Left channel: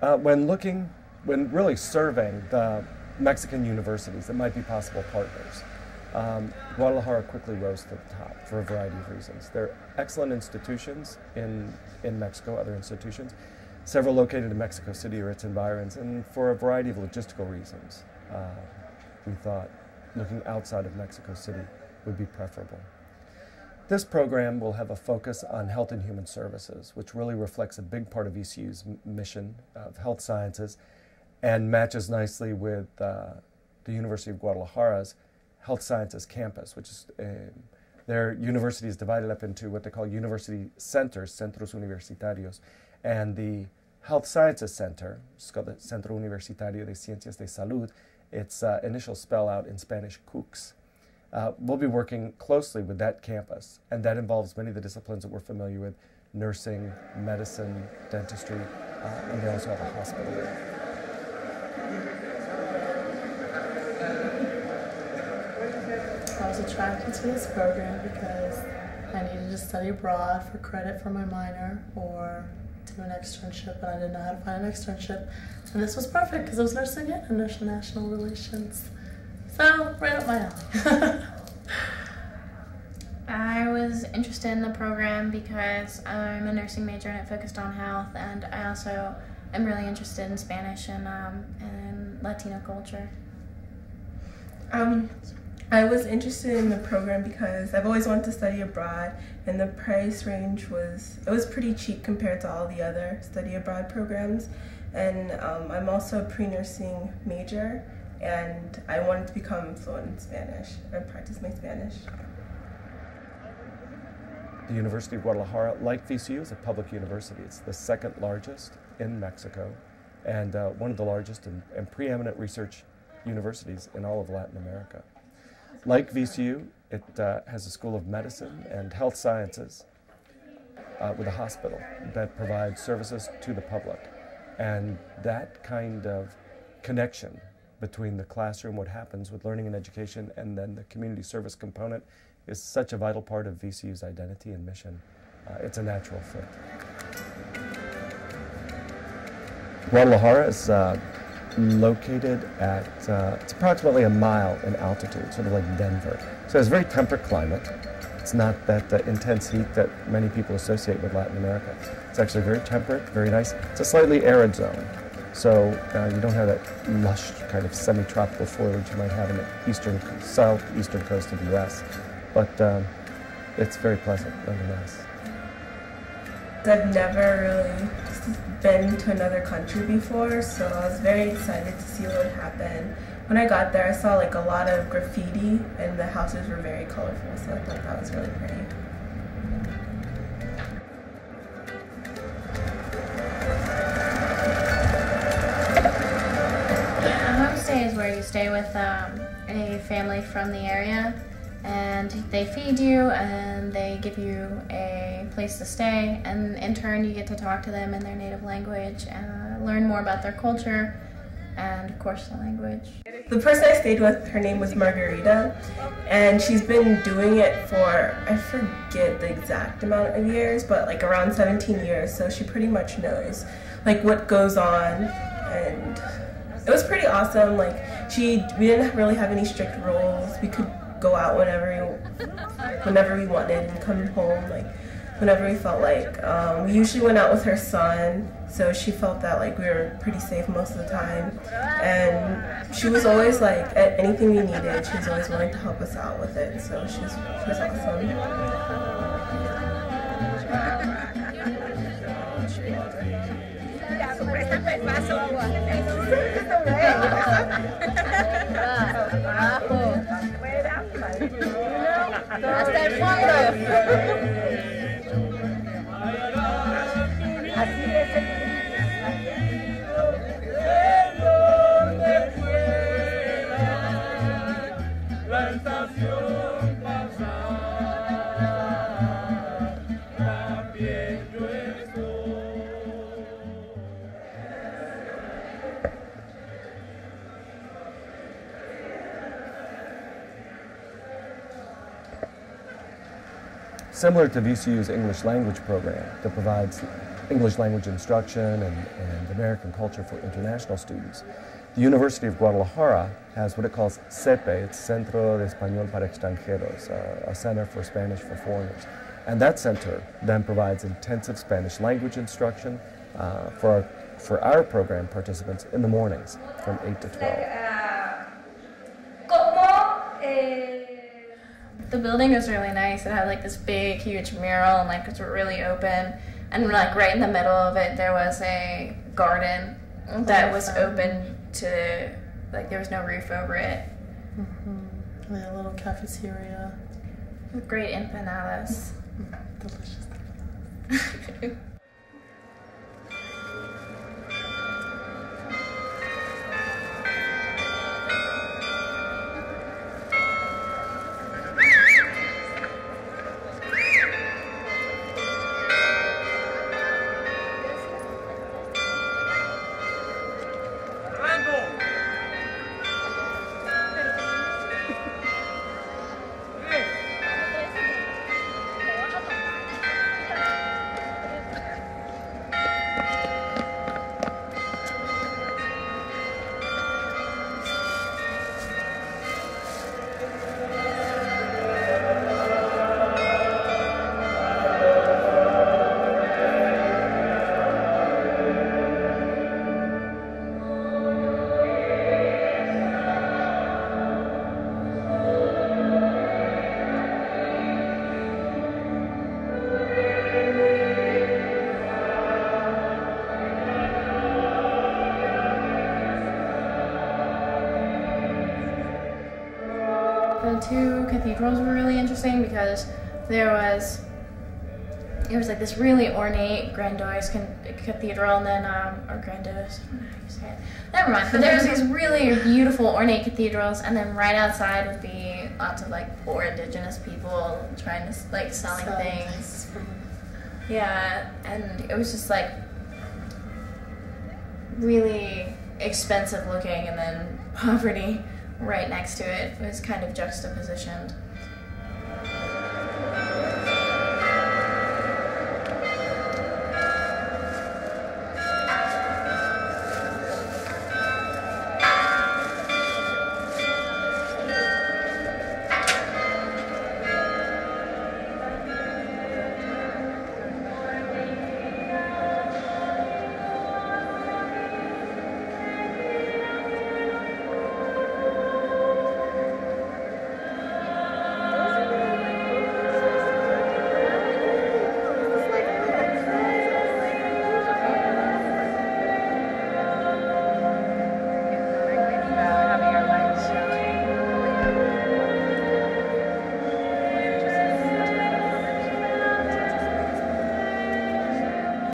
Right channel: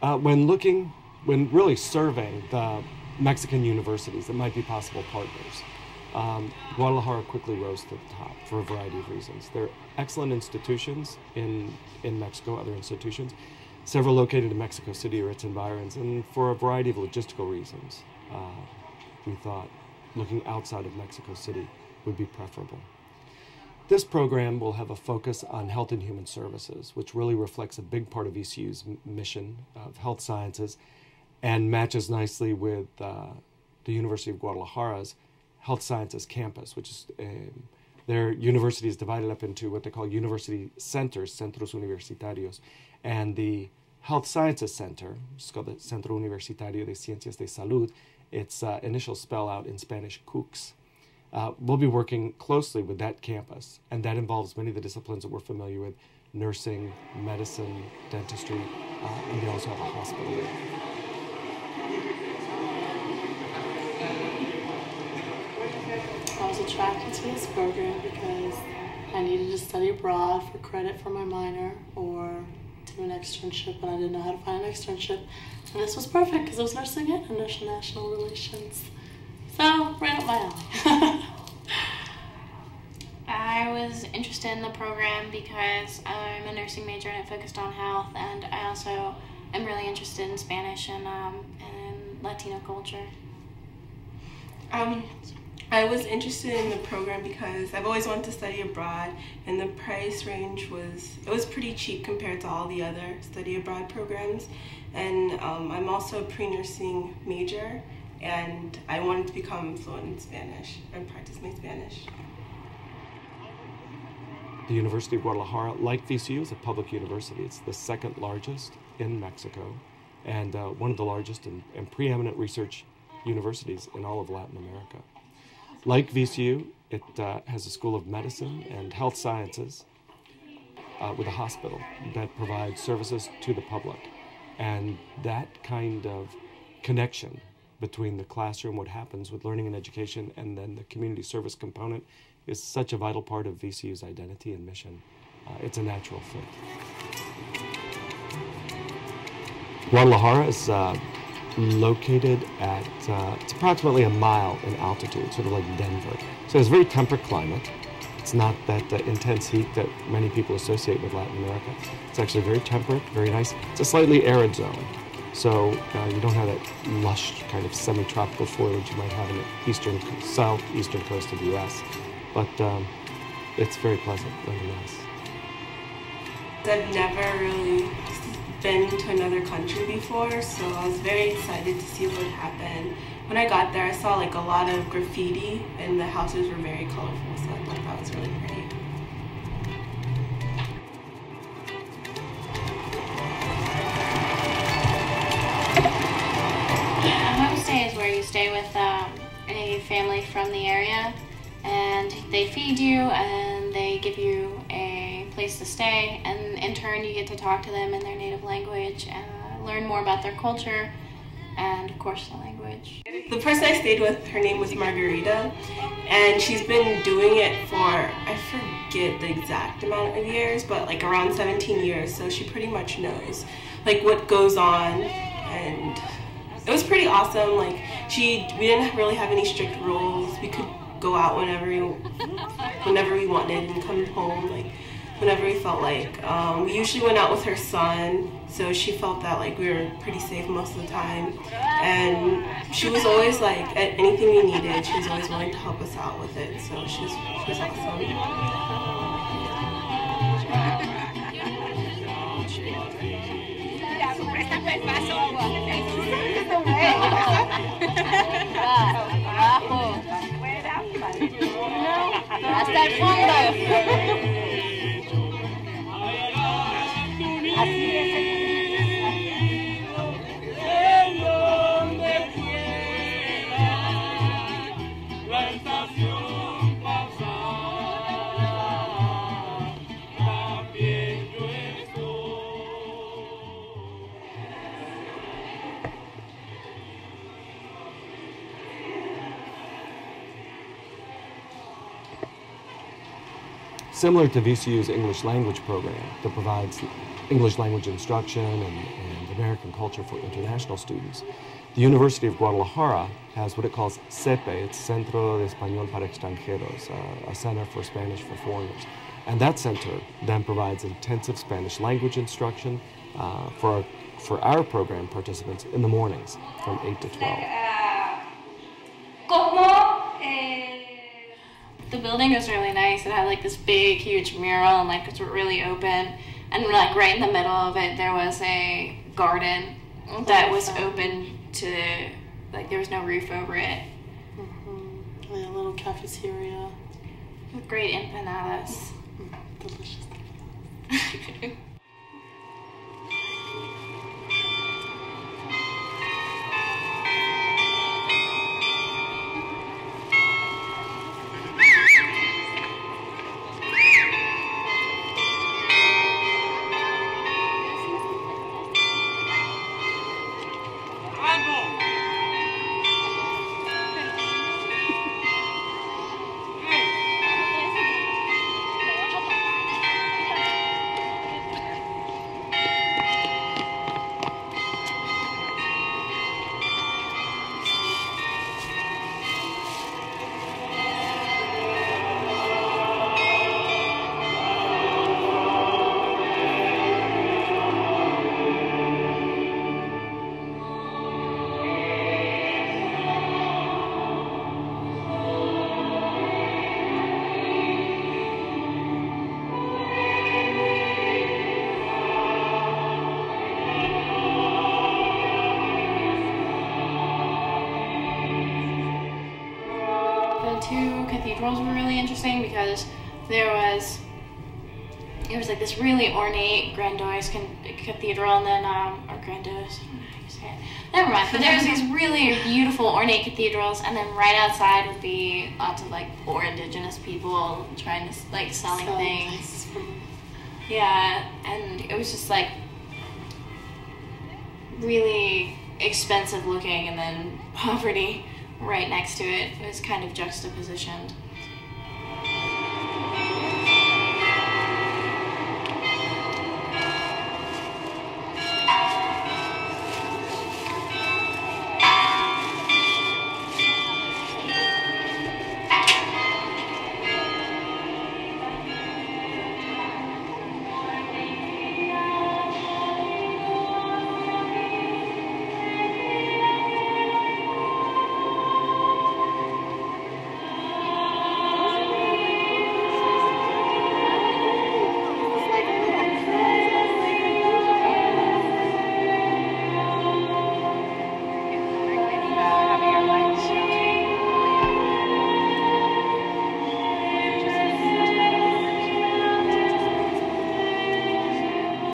When really surveying the Mexican universities that might be possible partners, Guadalajara quickly rose to the top for a variety of reasons. There are excellent institutions in Mexico, other institutions, several located in Mexico City or its environs, and for a variety of logistical reasons, we thought looking outside of Mexico City would be preferable. This program will have a focus on health and human services, which really reflects a big part of VCU's mission of health sciences and matches nicely with the University of Guadalajara's health sciences campus, which is their university is divided up into what they call university centers, centros universitarios, and the health sciences center, it's called the Centro Universitario de Ciencias de Salud, its initial spell out in Spanish, CUCS. We'll be working closely with that campus, and that involves many of the disciplines that we're familiar with: nursing, medicine, dentistry, and they also have a hospital there. I was attracted to this program because I needed to study abroad for credit for my minor or do an externship, but I didn't know how to find an externship. And this was perfect because it was nursing and international relations. So, right up my alley. I was interested in the program because I'm a nursing major and it focused on health, and I also am really interested in Spanish and Latino culture. I was interested in the program because I've always wanted to study abroad, and the price range was pretty cheap compared to all the other study abroad programs. And I'm also a pre-nursing major, and I wanted to become fluent in Spanish and practice my Spanish. The University of Guadalajara, like VCU, is a public university. It's the second largest in Mexico and one of the largest and preeminent research universities in all of Latin America. Like VCU, it has a School of Medicine and Health Sciences with a hospital that provides services to the public. And that kind of connection between the classroom, what happens with learning and education, and then the community service component is such a vital part of VCU's identity and mission. It's a natural fit. Guadalajara is located at, it's approximately a mile in altitude, sort of like Denver. So it has a very temperate climate. It's not that intense heat that many people associate with Latin America. It's actually very temperate, very nice. It's a slightly arid zone. So you don't have that lush kind of semi-tropical foliage you might have in the southeastern coast of the U.S. But it's very pleasant, nonetheless. I've never really been to another country before, so I was very excited to see what would happen. When I got there, I saw like a lot of graffiti, and the houses were very colorful, so I thought that was really pretty. A homestay is where you stay with a family from the area, and they feed you and they give you a place to stay, and in turn you get to talk to them in their native language and learn more about their culture and of course the language. The person I stayed with, her name was Margarita, and she's been doing it for, I forget the exact amount of years, but like around 17 years, so she pretty much knows like what goes on, and it was pretty awesome. Like we didn't really have any strict rules. We could go out whenever we wanted and come home like whenever we felt like. We usually went out with her son, so she felt that like we were pretty safe most of the time. And she was always like, at anything we needed, she was always willing to help us out with it. So she was awesome. Hasta el fondo. Así es, señor. Similar to VCU's English language program that provides English language instruction and American culture for international students. The University of Guadalajara has what it calls CEPE, it's Centro de Español para Extranjeros, a center for Spanish for foreigners. And that center then provides intensive Spanish language instruction for our program participants in the mornings from 8 to 12. The building was really nice. It had like this big, huge mural and like it's really open. And like right in the middle of it, there was a garden that was open to, like there was no roof over it. Mm-hmm. Like a little cafeteria. With great empanadas. Delicious. The two cathedrals were really interesting because it was like this really ornate, grandiose cathedral, and then or grandiose, I don't know how you say it. Never mind. But there was these really beautiful, ornate cathedrals, and then right outside would be lots of like poor indigenous people trying to like selling things. Yeah, and it was just like really expensive looking, and then poverty right next to it. It was kind of juxtapositioned.